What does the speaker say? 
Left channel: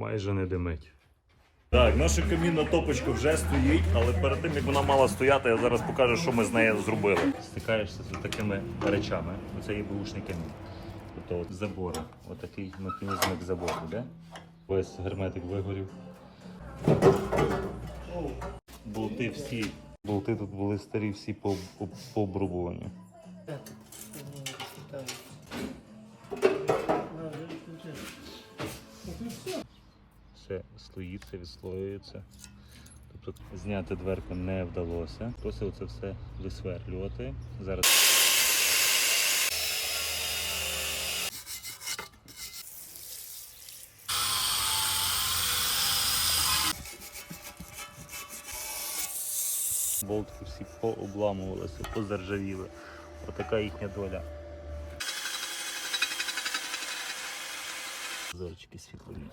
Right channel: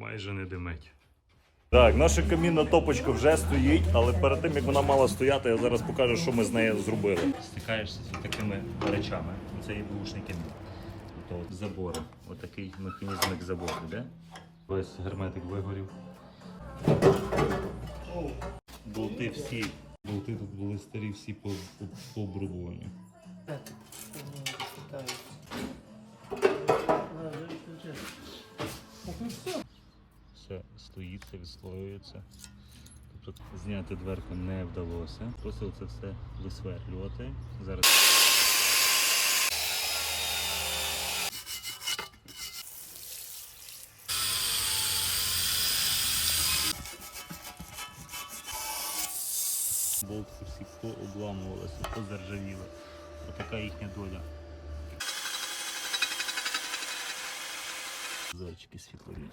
майже не димить. Так, наша камінна топочка вже стоїть, але перед тим як вона мала стояти, я зараз покажу, що ми з нею зробили. Стикаєшся з такими речами. Це є бушний камін. Тобто от отакий механізм як забор, де? Весь герметик вигорів. Болти всі. Болти тут були старі, всі по-. Так, Все стоїться, відслоюється. Тобто зняти дверку не вдалося. Просив це все висверлювати. Зараз болтики всі пообламувалися, позаржавіли. Отака їхня доля. Зайчики світлові.